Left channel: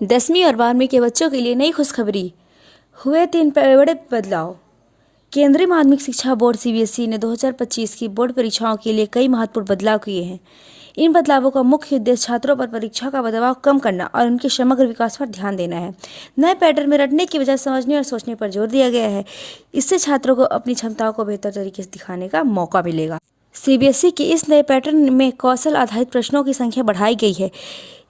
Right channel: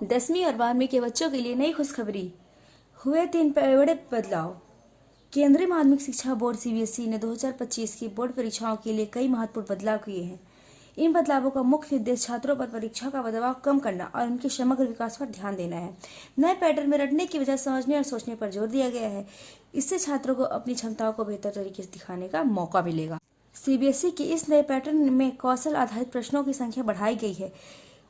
10वीं और 12वीं के बच्चों के लिए नई खुशखबरी, हुए 3 बड़े बदलाव। केंद्रीय माध्यमिक शिक्षा बोर्ड सीबीएसई ने 2025 की बोर्ड परीक्षाओं के लिए कई महत्वपूर्ण बदलाव किए हैं। इन बदलावों का मुख्य उद्देश्य छात्रों पर परीक्षा का दबाव कम करना और उनके समग्र विकास पर ध्यान देना है। नए पैटर्न में रटने की बजाय समझने और सोचने पर जोर दिया गया है। इससे छात्रों को अपनी क्षमताओं को बेहतर तरीके से दिखाने का मौका मिलेगा। सीबीएसई के इस नए पैटर्न में कौशल आधारित प्रश्नों की संख्या बढ़ाई गई है।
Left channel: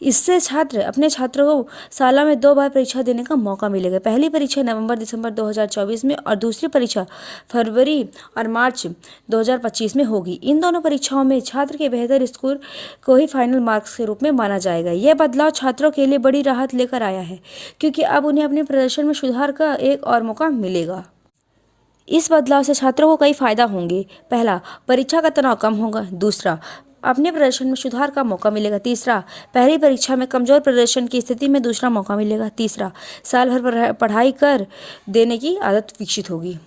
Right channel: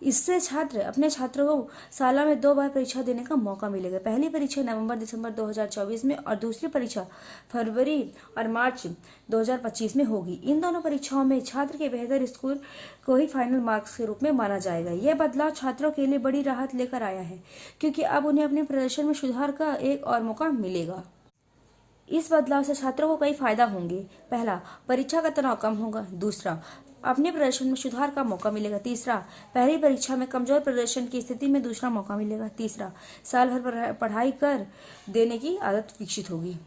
इससे अपने छात्रों को साल में 2 बार परीक्षा देने का मौका मिलेगा। पहली परीक्षा नवंबर-दिसंबर 2024 में और दूसरी परीक्षा फरवरी और मार्च 2025 में होगी। इन दोनों परीक्षाओं में छात्र के बेहतर स्कोर को ही फाइनल मार्क्स के रूप में माना जाएगा। यह बदलाव छात्रों के लिए बड़ी राहत लेकर आया है, क्योंकि अब उन्हें अपने प्रदर्शन में सुधार का एक और मौका मिलेगा। इस बदलाव से छात्रों को कई फायदा होंगे। पहला, परीक्षा का तनाव कम होगा। दूसरा, अपने प्रदर्शन में सुधार का मौका मिलेगा। तीसरा, पहली परीक्षा में कमजोर प्रदर्शन की स्थिति में दूसरा मौका मिलेगा। तीसरा, साल भर पढ़ाई कर देने की आदत विकसित होगी।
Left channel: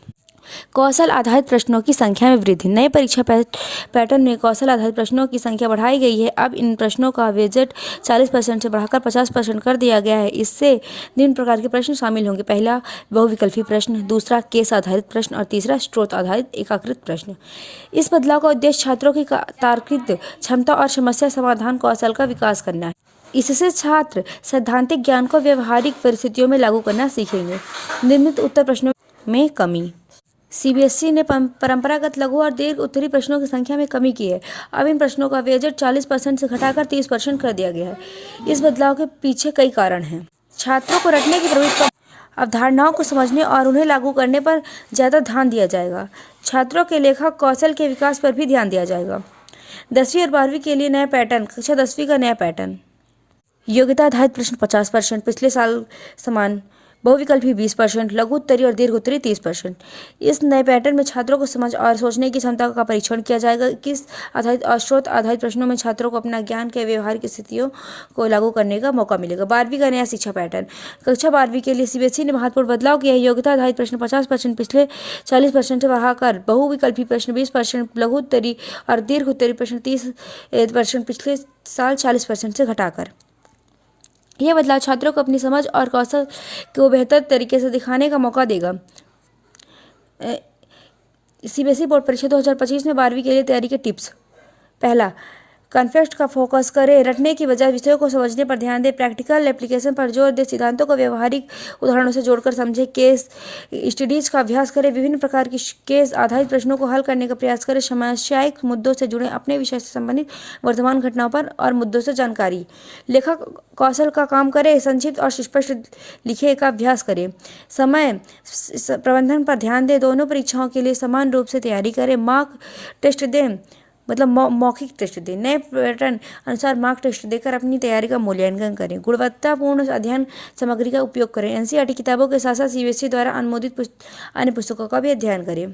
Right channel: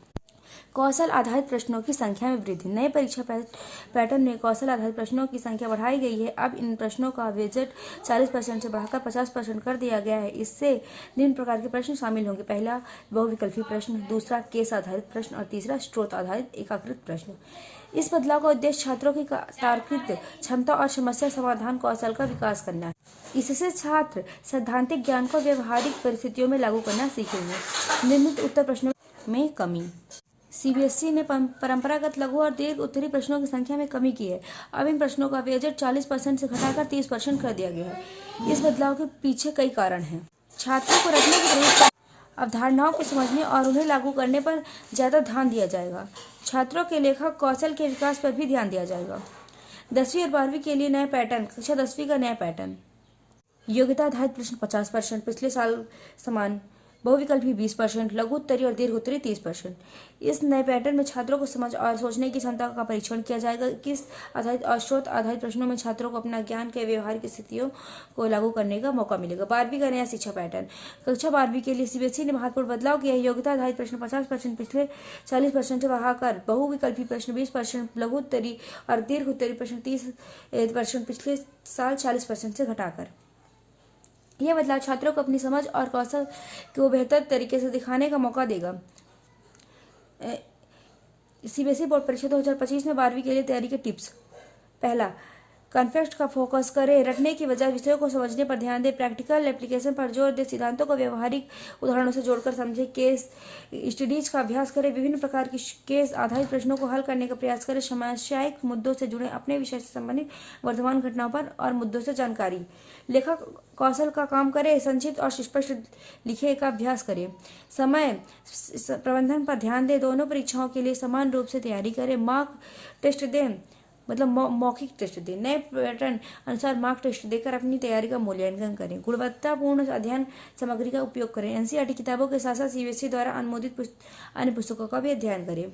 कौशल आधारित प्रश्नों की संख्या में वृद्धि। नए परीक्षा पैटर्न में कौशल आधारित प्रश्नों की संख्या बढ़ाई गई है। अब इन प्रश्नों का वेटेज 40% से बढ़ाकर 50% कर दिया गया है। इससे निम्न प्रकार के प्रश्न शामिल होंगे। पहला, बहुविकल्पी प्रश्न। दूसरा, केस आधारित प्रश्न। और तीसरा, स्रोत आधारित एकीकृत प्रश्न। इस बदलाव का उद्देश्य छात्रों की तार्किक क्षमता और समस्या समाधान कौशल का विकास करना है। इससे छात्र सैद्धांतिक ज्ञान को व्यवहारिक परिस्थितियों में लागू करना सीखेंगे। निर्मित उत्तर प्रश्नों में कमी। सीबीएसई ने परंपरागत लघु और दीर्घ उत्तरीय प्रश्नों की संख्या में कमी की है। अब इन प्रश्नों का वेटेज 40% से घटाकर 30% कर दिया गया है। इस बदलाव के पीछे कई कारण हैं। छात्रों को रटने की प्रवृत्ति, अवधारणाओं को समझने और उन्हें लागू करने पर ज़्यादा ध्यान दिया जाएगा। छात्रों के लेखक कौशल के विकास पर भी ध्यान दिया जाएगा। 10वीं और 12वीं के लिए नया पैटर्न। कक्षा 10वीं का नया पैटर्न। योग्यता आधारित प्रश्न 50%, पिछले साल समान। बहुविकल्पी 20%, लघु उत्तरीय और दीर्घ उत्तरीय 30%। इस नए पैटर्न में छात्रों को समझ और सोचने की क्षमता का परीक्षण किया जाएगा। किस आधारित और स्रोत आधारित प्रश्नों में छात्रों को अपना ज्ञान के व्यवहारिक स्थितियों को लागू करने का मौका मिलेगा। 12वीं का नया शिक्षा पैटर्न। कक्षा 12वीं के लिए सीबीएसई ने महत्वपूर्ण बदलाव किया है। योग्यता आधारित प्रश्न 50%, पिछले 40% से बढ़ाकर बहुविकल्पी प्रश्न 20%, लघु उत्तरीय और दीर्घ उत्तरीय प्रश्न 30%, पिछले साल 40% से घटाकर। यह बदलाव छात्रों को अपनी समझ और कौशल को बेहतर तरीके से दिखाने का मौका देगा। सीबीएसई बोर्ड परीक्षा 2025 में 12वीं के लिए तैयारी के टिप्स। पहला, कॉन्सेप्ट का फोकस करें। रटने की बजाय विषयों को समझने पर ध्यान दें। प्रैक्टिकल एप्लीकेशन पर जोर दें। सिद्धांतों को व्यवहारिक उदाहरणों से जोड़कर समझें। केस स्टडीज का अभ्यास करें। विभिन्न प्रकार की केस आधारित प्रश्नों को हल करने का प्रयास करें। समस्यायिक मुद्दों से जुड़े अपने विषय से संबंधित वर्तमान घटनाओं पर और मुद्दों से जानकारी। लेखक कौशल का काम करें। संक्षिप्त और सुस्पष्ट लिखे का अभ्यास करें। समय प्रबंधन पर ध्यान दें। दोनों परीक्षाओं के लिए समान रूप से तैयारी करें। मॉक टेस्ट दें, मतलब मौखिक टेस्ट दें। नए पैटर्न अनुसार मॉक टेस्ट देकर अपनी तैयारी का मूल्यांकन करें। गुणवत्तापूर्ण अध्ययन सामग्री का उपयोग करें। एनसीईआरटी किताबों के साथ साथ सीबीएसई द्वारा अनुमोदित अन्य पुस्तकों का भी अध्ययन करें।